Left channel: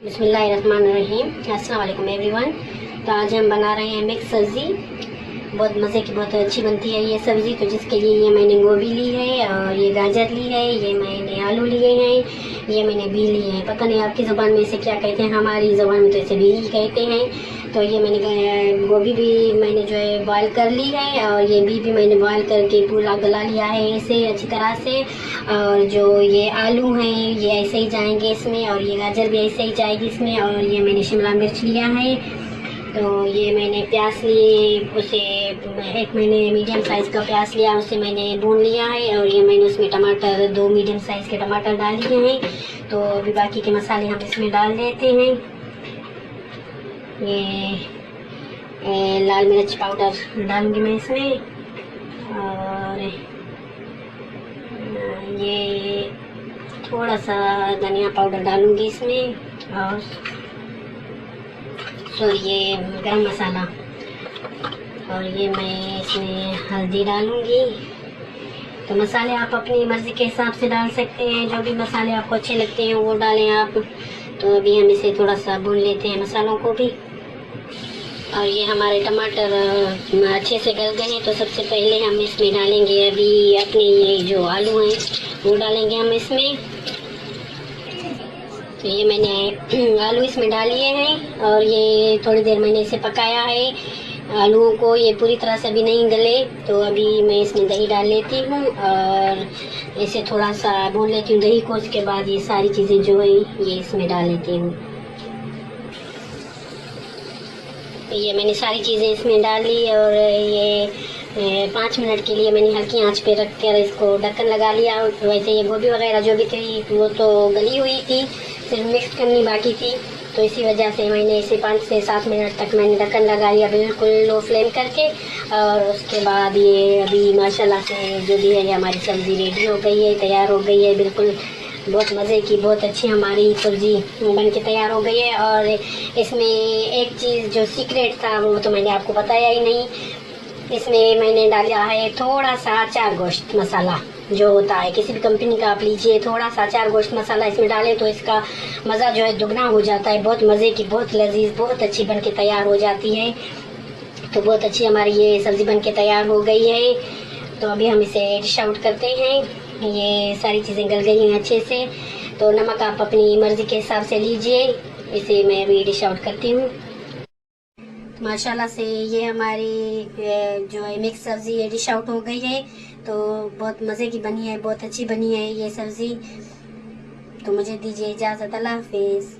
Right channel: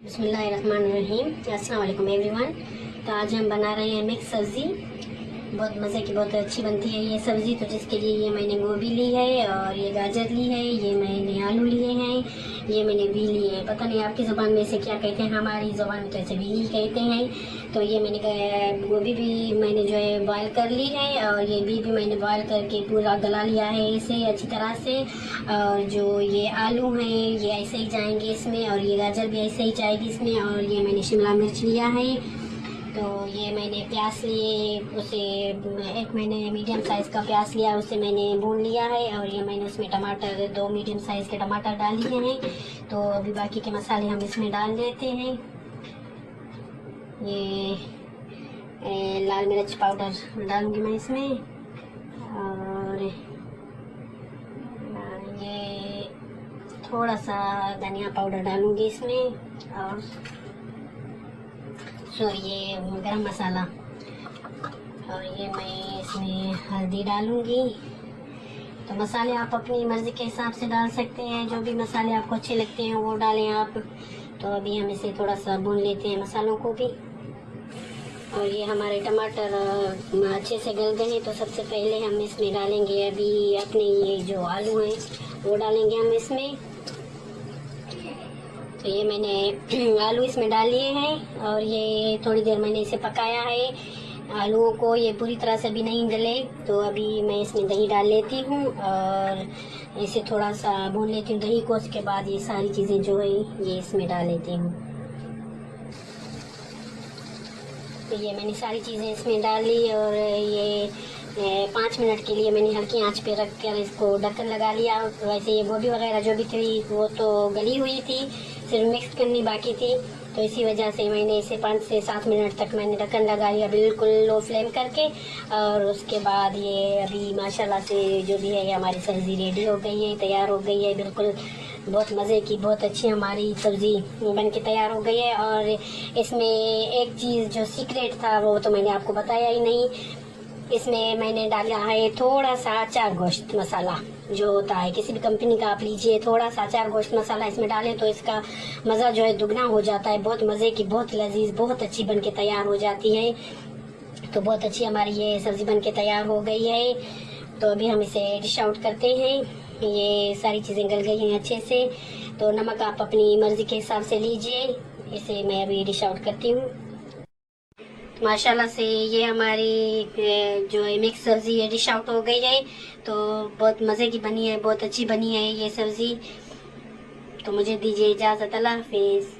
बिस्मिल्लाहिर्रहमानिर्रहीम। अस्सलाम वालेकुम एवरीवन। तो आज हम बना रहे हैं मिक्स सब्ज़ी। बहुत मज़े की, बहुत अच्छी बनती है ये सब्ज़ी। तो जिसके लिए ये मैंने गोभी ली है और ये गाजर ली है, ये मैंने आलू लिए हैं, ये मैंने बी लिए हैं। पता नहीं आपकी ज़ुबान में इसे क्या कहते हैं, हमारी ज़ुबान में तो इसे बी कहते हैं। तो ये मैंने गोभी भी मैंने जो है बॉयल कर ली है और ये भी मैंने बॉयल करके पूरा गला लिया है इसे अच्छी तरह से। और जो ये आलू हैं ये ऐसे ही जाएंगे इसमें, और ये गाजर भी ऐसे ही जाएगी इसमें। और ये मैंने शिमला मिर्च लिया है। तो ये मैंने प्याज लिए, उसे एक मैंने मीडियम साइज़ का प्याज लिया, उसे मैंने भून लिया है। और ये मैंने उसमें टमाटर, 2 मीडियम साइज़ के टमाटर डाल लिए हैं। तो अभी बाकी के मसाले हम इसमें डाल देते हैं। ये लाल मिर्च पाउडर डालूंगी मैं इसमें, और ये थोड़ा सा धनिया पाउडर डालूंगी इसमें, और ये गरम मसाला, और ये मैं इसमें हल्दी डालूंगी। तो मसाले आप अपनी मर्ज़ी के हिसाब से डाल सकते हैं, जो भी मसाले आपको अच्छे लगते हैं वो डालें आप। तो अभी हम इसे थोड़ा सा भून लेते हैं मसालों को भी। और ये हमारे टमाटर अच्छे से गल गए हैं। तो सबसे पहले हम इसमें डालेंगे अभी अपने ये जो आलू हैं वो डालेंगे हम इसमें। तो ये मैंने आलू इसमें डाल लिए हैं और ये थोड़ी देर मैंने इसे पकाया है आलूओं को। ये पूरी तरह से अभी नहीं गले, तो अभी मैं इसमें दही डाल लेती हूँ और इसे थोड़ा सा भून लेती हूँ दही को। उसके बाद ये सारी चीज़ें जो है ये इसमें डाल लेती हूँ। ये मैंने सारी चीज़ें इसमें डाल ली और ये 5 मिनट के लिए मैंने हल्की आंच पे रख कर इसको ढक्कन लगा लिया। वैसे ये गोभी वगैरह जो भी थी वो तो गली हुई थी, सिर्फ मिक्स करनी बाकी थी। तो इसी वजह से मैंने इसे 5 से 7 मिनट तक मैंने ढक्कन लगा लिया बिल्कुल लो फ्लेम करके। और उसके बाद ये अभी माशाल्लाह से जो भी है हमारी सब्ज़ी रेडी हो गई है, तैयार हो गई है बिल्कुल। बहुत मज़े की, बहुत अच्छी हमारी सब्ज़ी बन के तैयार हो गई है। और इसमें एक चीज़ जो सीक्रेट था वो तो मैंने आपको बताया ही नहीं। इसमें मैंने डाला है थोड़ा सा अचार गोश्त मसाला जो होता है, किसी भी कंपनी का आप लीजिए, थोड़ा सा अचार गोश्त मसाला इसमें डालें तो इसका मज़ा जो है दुगना हो जाता है। बहुत मज़े की, बहुत लजीज, बहुत अच्छी बन के तैयार हो जाती है। तो बहुत अच्छी हमारी ये सब्ज़ी बन के तैयार हो गई है। तो अभी हम इसे डिश आउट करते हैं। ये सारी चीज़ें गल गई हैं अच्छे से। तो नमक आप अपनी मर्ज़ी के हिसाब से लीजिए। इसे मैं अभी डिश आउट करती हूँ। माशाल्लाह से ये हमारी जो है मिक्स सब्ज़ी है डिश आउट हो गई है। तो बहुत मज़े की बनी है, बहुत अच्छी बनी है ये सब्ज़ी। तो मुझे दीजिए इजाज़त। अल्लाह हाफ़िज़।